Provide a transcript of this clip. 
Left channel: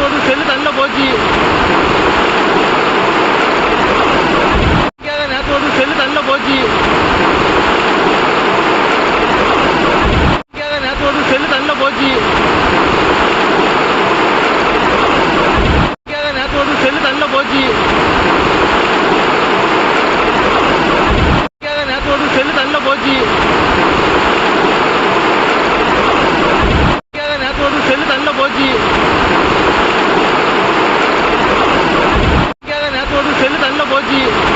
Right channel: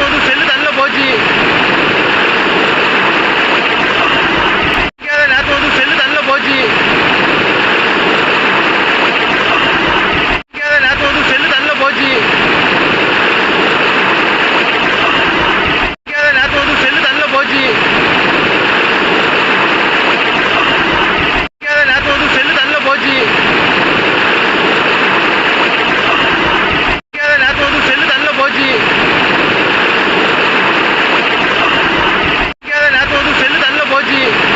போட்டு செல்லு தள்ள போச்சு. நேரத்தோடு செல்லு தள்ள போச்சு. நேரத்தோடு செல்லு தள்ள போச்சு. நேரத்தோடு செல்லு தள்ள போச்சு. நேரத்தோடு செல்லு தள்ள போச்சு. நேரத்தோடு செல்லு தள்ள போச்சு. chodzi